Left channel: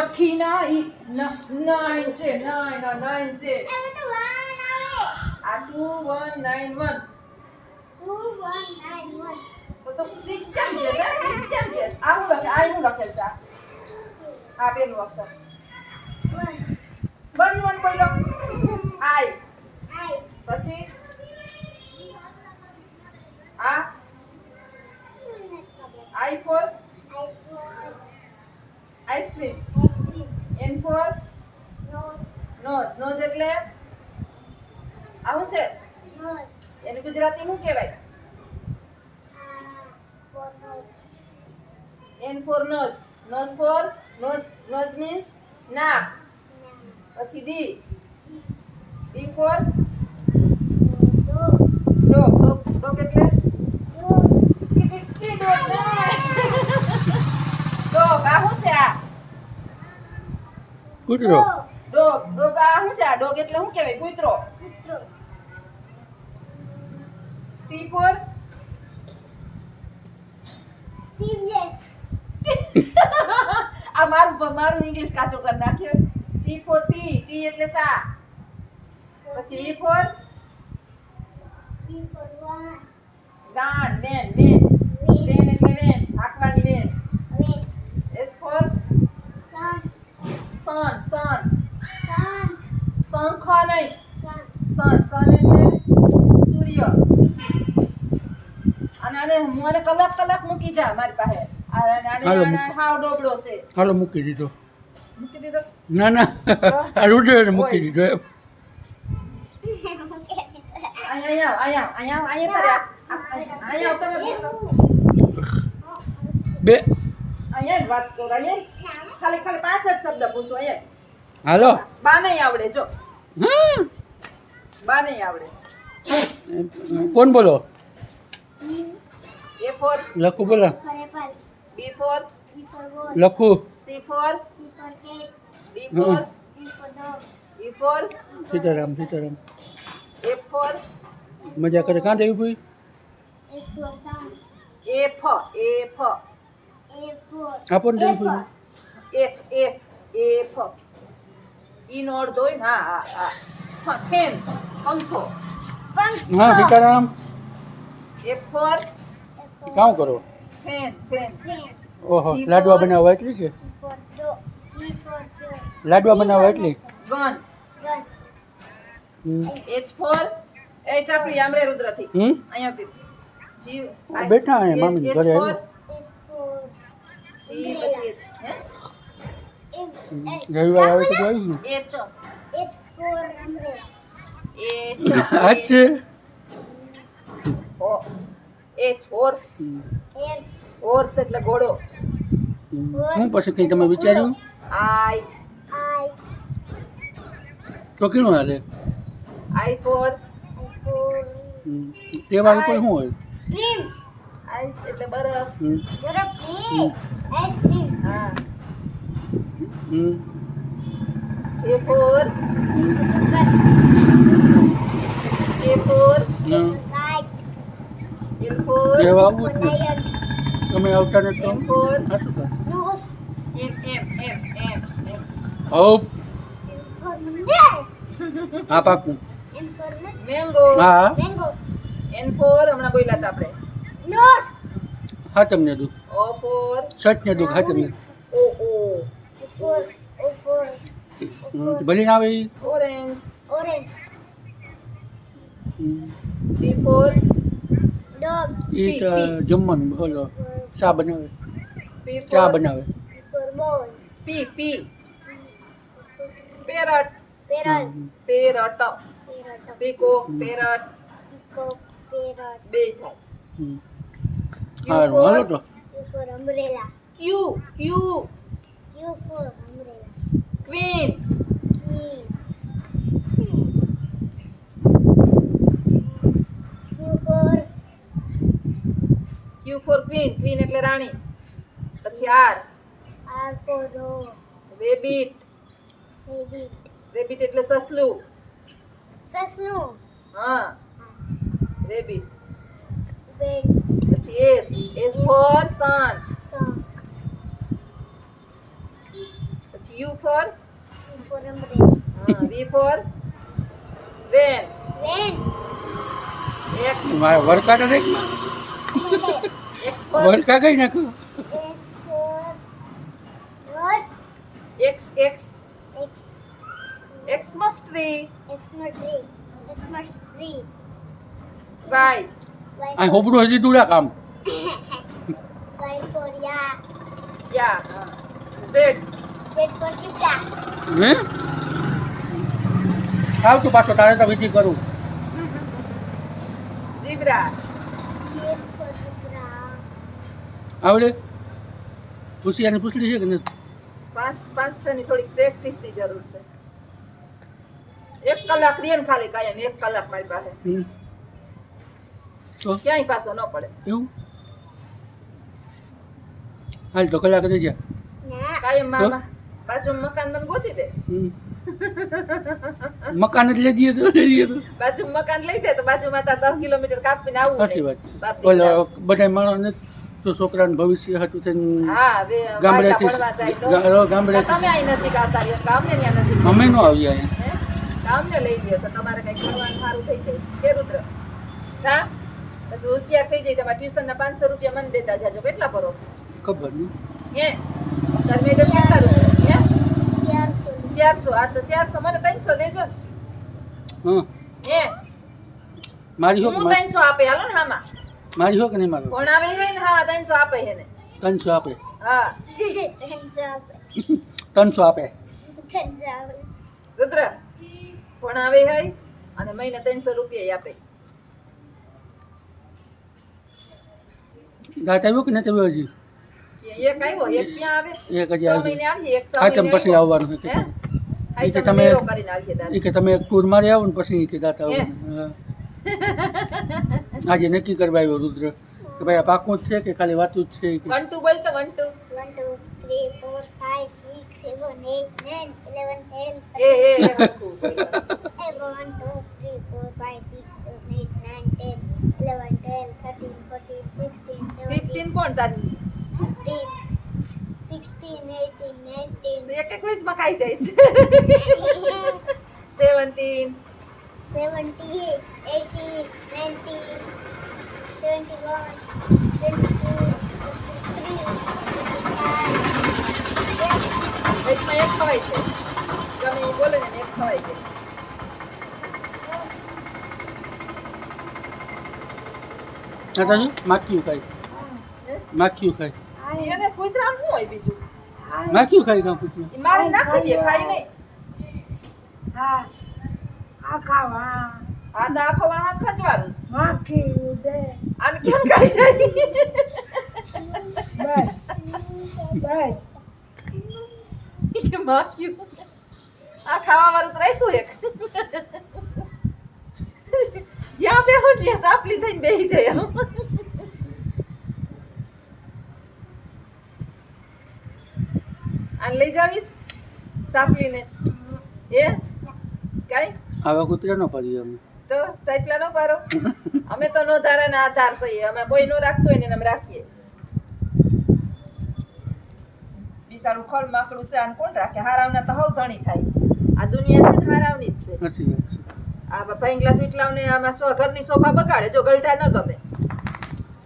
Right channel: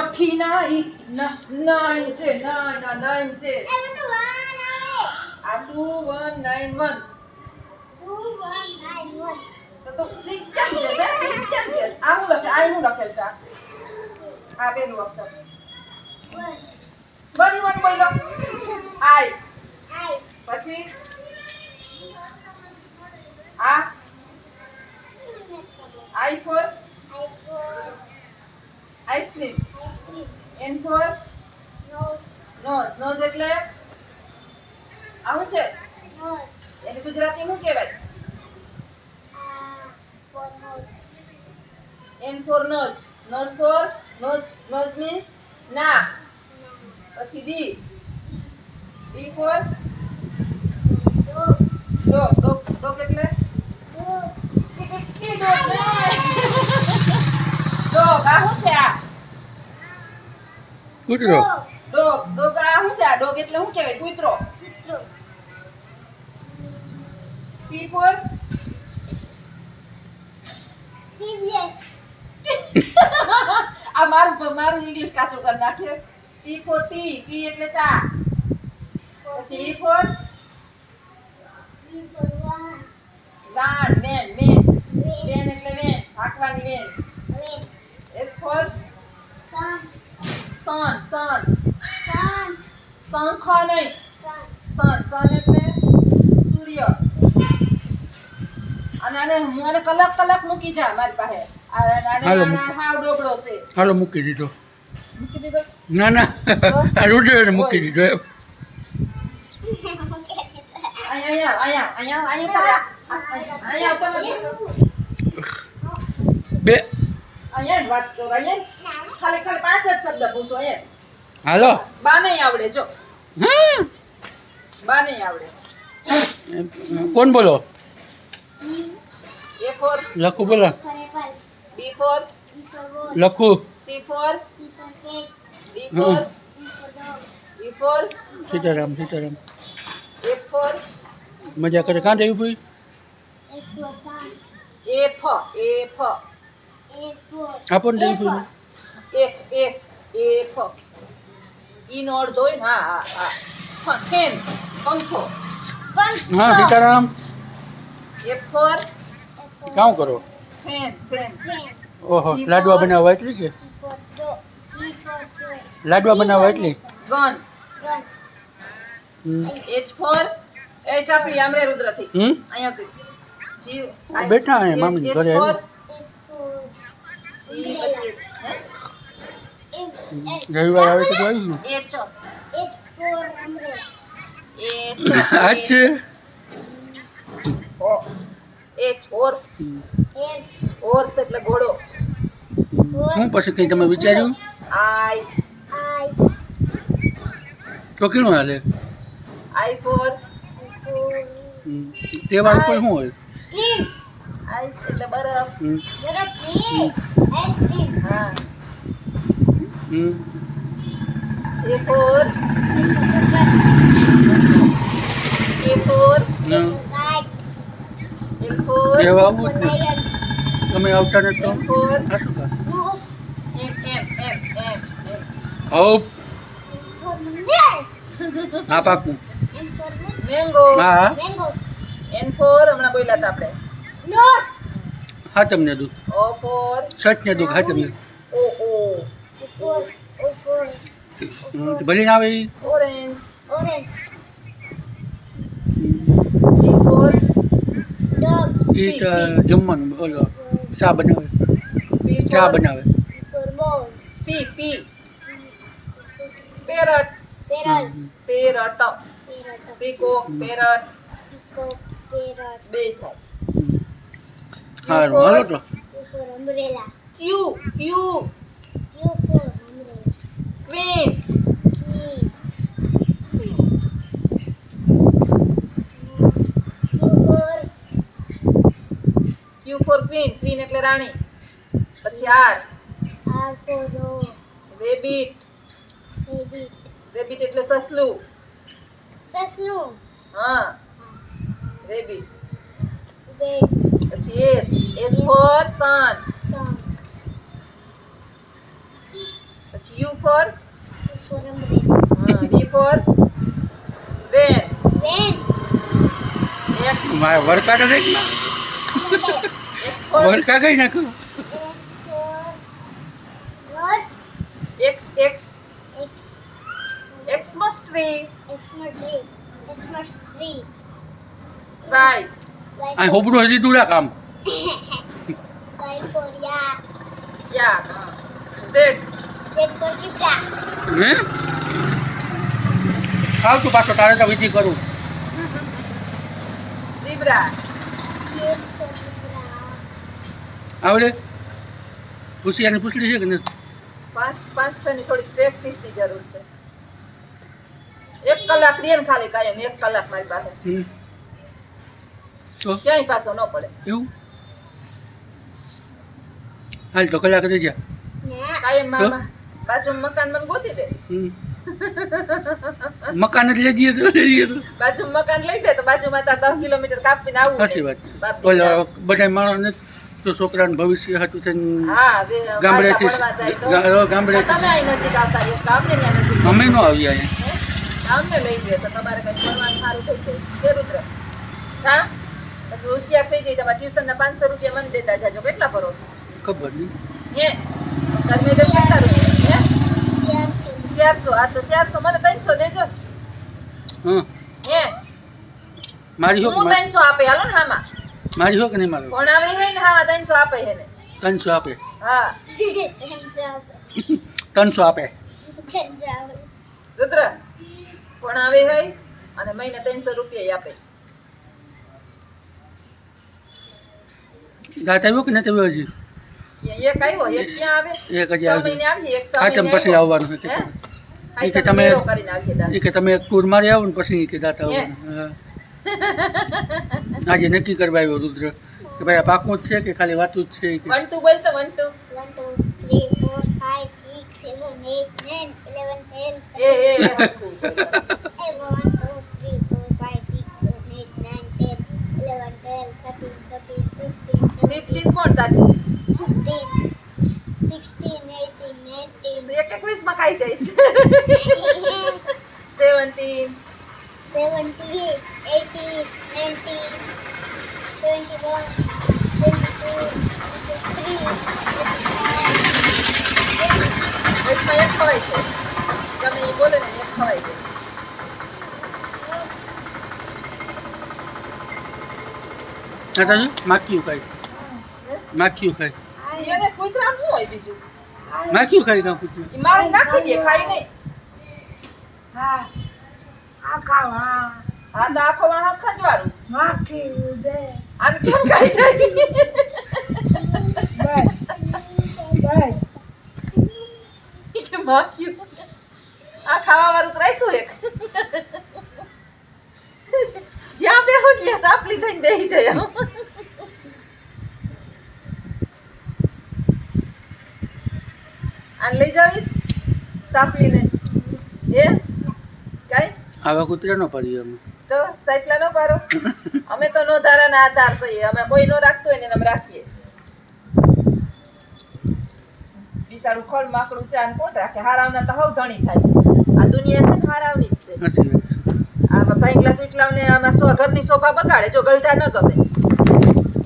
nine છે nine છે આ 2191 તો 6 કેમ છે 6 કેમ છે આ હું લખેલ છે આ પેલું અક્ષર 21 બોલો I પછી આ I for ice cream N for nose એટલે આવું છે એને ગુજરાતી શું કહેવાય N for nose means નાક પછી D for dog એટલે dog આ શું છે આ કૂતરો dog આ શું છે આ dog એટલે શું કહેવાય કૂતરો T for આ મારું ઇંગ્લિશ કાચો કરી નાખ્યો T for ટી એટલે ચા પછી E for વાન વેન એટલે વેન હાંકવાની વેન S for sun શંખ નહીં sun એટલે સૂર્ય અને મને કલાક મૂકી જા મારી પાસે હાવ ડોબડો છે હાલો મૂકી દીધો મૂકી દીધો ના આ રૂડે મૂકી દીધો એમ. અહીંયા બે જ વાત કરો અહીંયા ખાલી 5 જ શબ્દ પૂછો અહીંયા હાલો બા નહીં આવડે જો હા બા નહીં આવડે કોણ બોલો A for લખું બોલો B for લખું C for D for E for Sitaram F for મજા કરે કાં જયું ભાઈ F આપો ને જયું ભાઈ F ઈ નો અર્થ હોય ને હા ફેન પંખો હા સીતારામ F for કામ કરો ફેન ઓહો લાડવા બનાવવા એટલી કે લાડવા બનાવવા એટલી ગન H for H આપી આમરે રુદ્રથી અહીંયા આવતી જીવ બેઠા અહીંયા મામી ઘરે આવ્યો જી પછી રવિવાર આવે તો આવ્યું H આ છે horse એટલે ઘોડો હું પછી કંઈ તમે વિચાર્યું I તો કેનું હાલે I for તહેવાર ઉપર શું હોય ice એટલે બરફ હા J for K for L for તહેવાર આવું જ ને તમે આવતા ને તો M for આ શું કર M હવ હા પાકું mango હા N for હમણાં બોલ્યા હતા આપણે હા તમને દુઃખ O for સચ ને દુઃખ હા તમને ભલે ના આવે ઈ? orange P for ઈ તો જમવાનું બોલો ચા બનાવે P ચા for બનાવે P parrot peacock parrot બે થાય સારું હાલો તો Q queen Q for queen એટલે રાણી પછી R rabbit એટલે સસલું હા rabbit પછી S for sun પછી U for For umbrella. V for van. Van. X મારે વરકા તો દેખ ને. X for વરકા કઈ નાખો. S for rose. X X. Xmas tree. Xmas tree. Xmas tree. Y આ હોબળું હજી દૂડા કામ. Y for yak. Z Z for zebra. હે આવતું પાછો તારે તો વિધિ કરું. zebra. Z for zebra. આવડે પૂછિયાની પૂછડી છે કે નથી? 5 ની થોડી પ્રેક્ટિસની જરૂર છે. 1 કલાક દે ને ખાલી કાયમ 1 કલાક મારી પાસે હમ. તો ક્યાંય પાછો ન પડે. એવું હાલ તો કલાક દઈ જા. ના. કાયમ મામા બાજુ મકાન મને ગોતી દે. હમ. મકાન જ લઈ દઈએ તો લઈ લઈએ તો બાજુ મકાન લઈ દે તો બાજુમાં તાર 10 કિલોમીટર કાપીને આવવું સાચી નહીં. વાત છે. બાપની ઓલા વાત. બધા માણસને તો છોકરાનું ભવિષ્ય હતું થઈને હા હવે ગામડેથી ભણવા જાય તો ગામડેથી તમે અહીં નજીક આવતા રહ્યો ગામને ત્યાં નજીક અમે ન આવ્યા અહીંયા. હે? ગામને લઈ ગયો તો તમારે કઈ ભણવાનું સારું થઈ જાય કે રુદ્ર હા પછી હોશિયાર થઈ જાય તમારે ટ્યુશનના 500 રૂપિયા મને દેતા જાજો કેટલા ભરોસ ખબર નહીં. હે તાર મેડમ કેટલા રૂપિયા હે 400. 400 આ તો 400 મને 300 દેજો ને. હા હે મારી હો હું 300 આપે હાલો ને હામાં મારી હો કે નહીં મારો ભણાવે હે ને હામાં 300 આપે હે ને 300 આપે હા 300 આપે રુદ્ર ભણાવે હે અને મહિને 300 રૂપિયા આપે ગાત આવ્યો કે નથી આવ્યો હજી? એક આવ્યો એક ક્યાં આવે એક હજી 6 આવ્યો. મહિને આવીએ એક 6 હાચમ મહિને પછી આવવાનું છે હે? એ કે તમે તમે- કરીને આવીએ દાદા. એ કે તમે એક ટૂર મારી આવો ને પછી કે દાતા હે? આવવાનું. હા. આજે નક્કી કરવા આવ્યો રુદ્ર કે ભાઈ આ પાકું જ છે કે ખાલી વાતું જ છે કે 1 2 બોલ તો 1 2 1 2 3 4 5 6 7 8 9 11 12 એ હરખું બોલ. 1 2 3 4 5 6 7 8 9 10 11 12 13 14 15 16 15 કોણ તારી 17 16 18 19 એક 21 માં ખાઈ જઈશ 17 17 18 19 21 22 23 વચમાં એક ખવાય છે ગમે એ બોલે ને એક ખવાય છે દાદાજી માખ્યું ખાય હે? માખ્યું ખાય એને કૂતરાનું શું હોય બીજું માખ્યું ખાય કાં પૂછ્યું એ મારે નાખી દે ખાઈ નહીં હા આ ખાવા આ તો આખો વાહ ખજવારું છે. માખી દે આને કેમ ખાઈ જાય બસ બસ કે માખ્યું આ ખાવા વાળું તો રાખ્યું એક જ્યાં બેહો ને ત્યાં ચાપલી થઈને બેહી જાય આમ. આને લઈ જાવીશ ચાપલીને એ કાંઈ આવા કૂતરા ન પાડીએ અમે તો સાયકલા નો પારો અમે તો નો ધારા ના આધાર સહીએ અમે કોઈ નો રાખતો હોય ને એને અમે રાખીએ બિસાડું ખોળ માકડું છે આને કોણ રાખે હારાવના તો હવ ધણી થાય આ દુનિયા છે ને હારાવની જ છે સાચી વાત છે. આ ભાંગલા પીટલાવને આમાં ઘરની શોભા બગાડે જો ગલઢા ન ગમે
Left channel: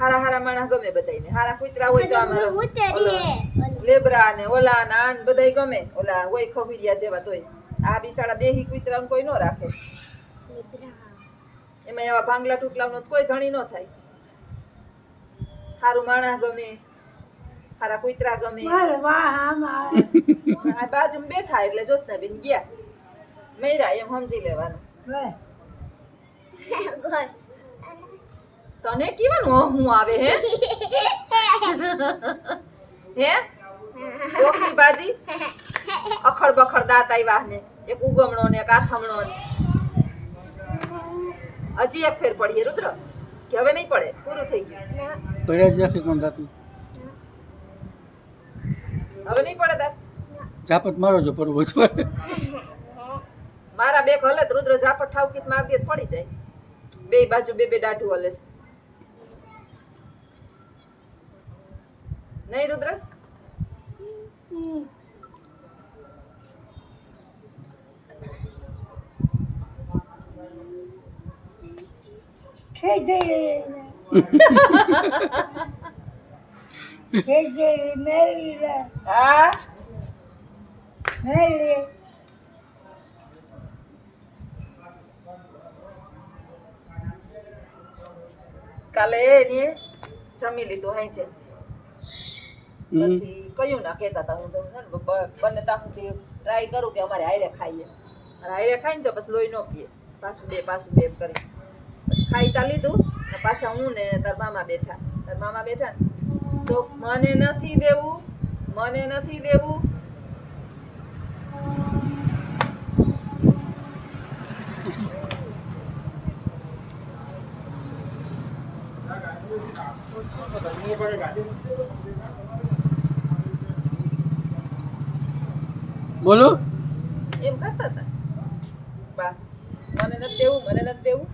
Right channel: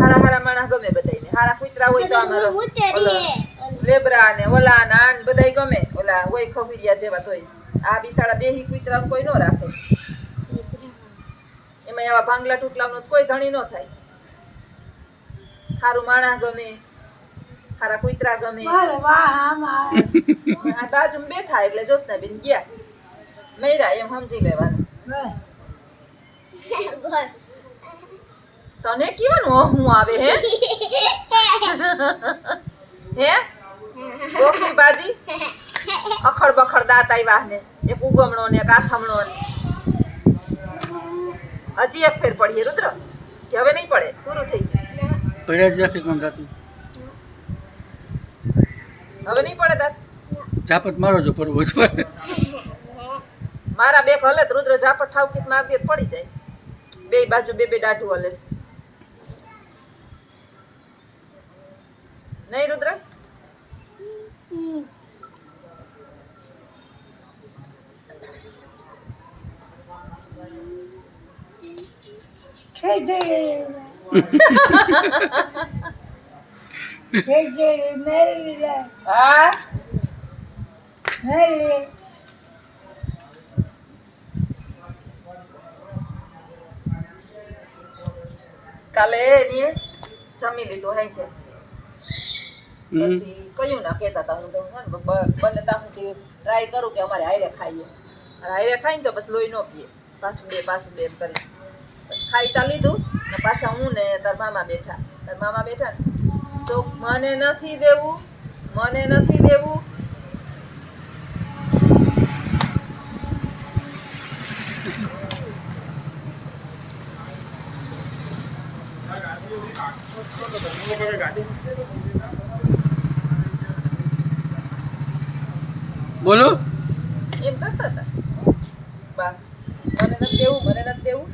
હારા હારા માણસ ગમે બધાયને હારા કૂતરા હોય તો આમાં લેબરા ને ઓલા ને આન બધાય ગમે ઓલા હોય ખબીરિયા જેવા તોય આ બિસાડા દેહી કૂતરાને કોઈ નો રાખે એમાં એવા ભાંગલા ટૂટલાવનો તો કોઈ ધણી ન થાય હારું માણસ ગમે હારા કૂતરા ગમે મારે વાહ આમાં આ બાજુમાં બેઠા એટલે જોશનાબેન ગયા મયરા એમ સમજી લેવાનું બસ તને કેવાનું હું આવે હે હે ગોખલી બાજી અખડ બખડ દાંત આવ્યા ને એક ઉગમણો ને એક આથમણો ને હજી એક ફેર પડીએ રુદ્ર કે હવે નહીં પડે પૂરું થઈ ગયું પડ્યા જ રાખે કોણ દાતું હવે નહીં પડે દાંત ઝાપટ મારો જો પડવું હોય તો. મારા બે હલે તો રુદ્ર ઝાપટ ઠાવકીત માર દે તો પડી જાય બે બાજુ બે બે દાઢું હલેસ નહીં રુદ્ર ખીચડી ખીચડી મેલી રે હા મેલી કાલે એની જમી લીધું હાઈ છે પછી કયું ના કહેતા હતા હું તો બંને તાહુથી ટ્રાય કરું કે અમારે હારે ખાઈએ અને હારે ખાઈને તો પછી લોહી ન પીએ પાછું દે એમ કરી પછી ખાઈ તા લીધું ને પાછા હું ને તાર મામા બેઠા ને જો મને નથી દેવું બોલો એમ કરતા હતા બા મને નથી દેવું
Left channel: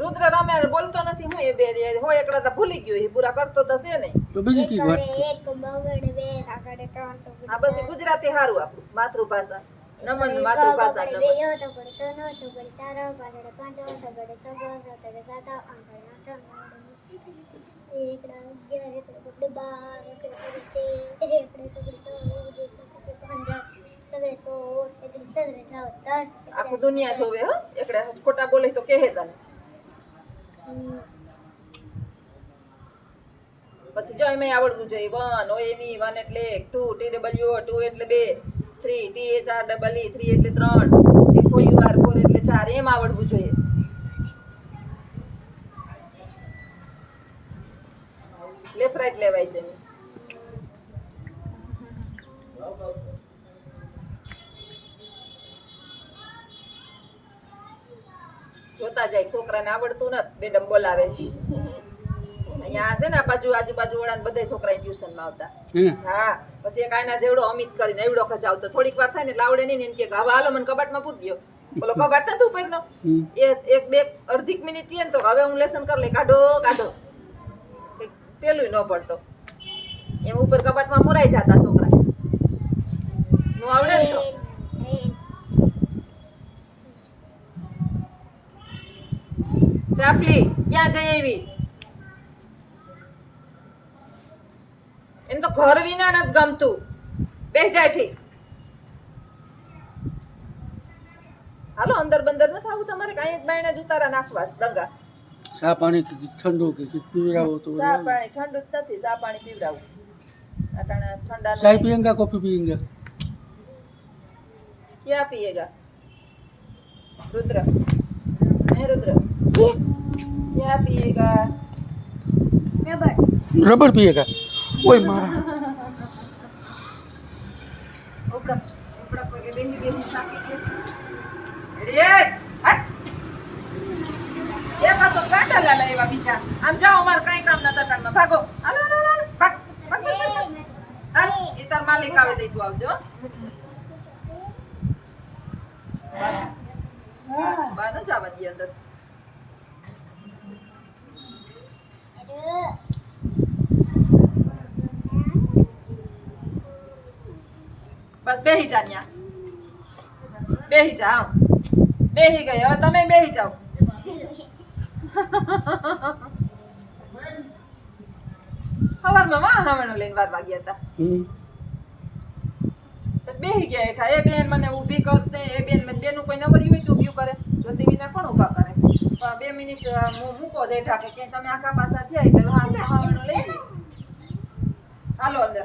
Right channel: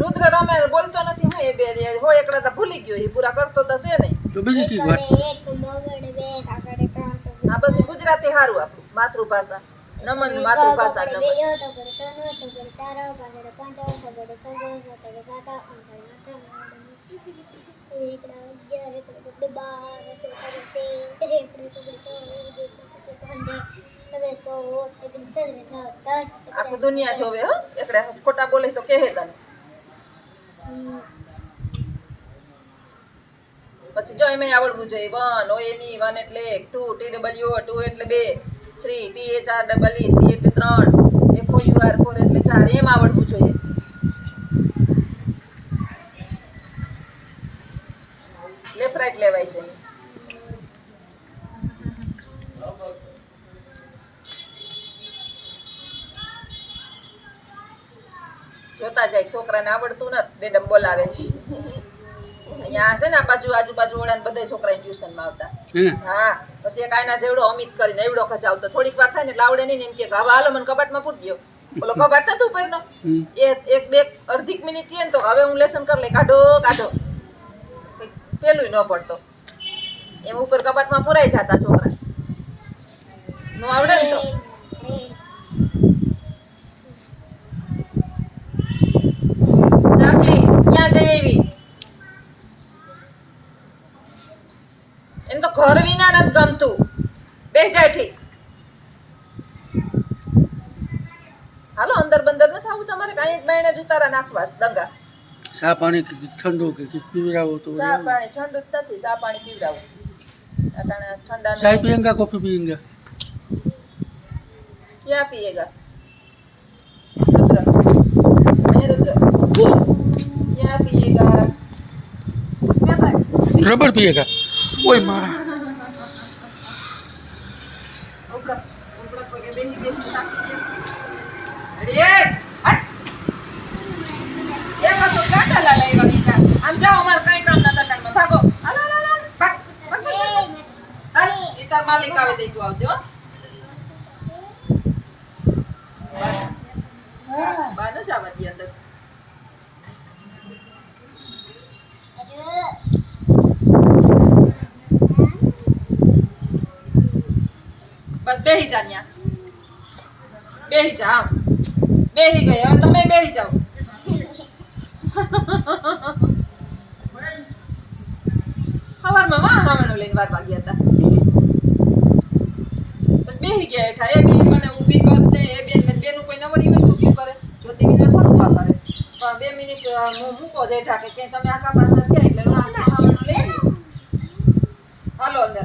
રુદ્ર રમે બોલતો નથી હું એ બે હોય એકડા તો ભૂલી ગયો એ પૂરા કરતો તો છે નહીં તો બીજી કઈ વાત એક બગડ બે કાકડે ત્રણ તો હા બસ ઈ ગુજરાતી સારું આપણું માતૃભાષા નમન માતૃભાષા નમન બે તો પડે તો નો તો પડે ચાર પાડે પાંચ તો પડે છ તો પડે સાત આઠ એકડા 11 એકડા 12 એકડા 13 આખું દુનિયા જોવે હો એકડે ખોટા બોલે તો કહે તને પછી જો એમાં આવડવું જોઈએ 1 હોય એની 1 એટલે 2 TW 2 એટલે 2 3 THREE 3 એટલે 3 FOUR 4 એટલે 4 એમ આવડવું જોઈએ લેફ્ટ રાઈટ લેવાય છે એની. જોતા જાય છોકરાને આવડતું નથી મેડમ બોલાવે અહીંયા છે ને આ બાજુ આજુબાજુ વાળા બધા છોકરા ટ્યુશનમાં આવતા હા પછી એક આના જેવડો અમિત કરીને એવડો ખચાવતો થોડીક વાર થાય ને એટલે આવડે નહીં ને એમ કે હવે હાલો મને કબાટમાં પૂરી દો બોલો કબાટ નતું ઉપરનો એક બે અડધી મિનિટ થઈએ ને તો હવે હું લેસન કરી લઈ કાઢો કંઈક પેલું ન પડતો એમ ઉપર કબાટમાં પુરાઈ જતા છોકરા નો આવડે ને તો ચાપલી ક્યાં જઈ આવી એને તો ઘર વિના નથી ગમતું બે જાઠી હાલો અંદર બંદર નથી આવું તમારે કાંઈ જ બાયણે જ ઉતારા નાખવાસ દંગા ચા પાણી કે ઠંડુ કે પીવડાવો તો ચા પાણી ઠંડુ જ નથી ચા પાણી પીવડાવું અટાણે ઠંડા चाय पियेंगा कॉफी पियेंगा क्या पिएगा रुद्र नहीं रुद्र क्या पिएगा रबड़ पिएगा ओए माँ ऊपर ऊपर को के बेही बेही साकी जे अरे हट ये का तो काटा ला लेगा बीचा हम जाओ हमार काई काम ना तटन में भागो हालो हालो भाग भाग हाल इतर मालिक आवे दे तू आवજો બા ન જવા દી અંદર બસ બેહી જા ન્યા બેહી જા આવ બેહી ગઈ હવે તમે બેહી જાઓ સવારમાં વાહવાનું લઈને વારવા ગયા હતા બસ બેહી ગયા હેઠા એ બેન મને ઊભી કરતે એ બેન બેનું કોઈ નવરી હોય તો ઊભી કરે જ્યોતિ વિના પણ ઊભા કરે પણ 2 મિનિટ મૂકો દેઠા કે તમે આખા પાસા થયા એટલે વાહવાનું લઈ હાલો અંદર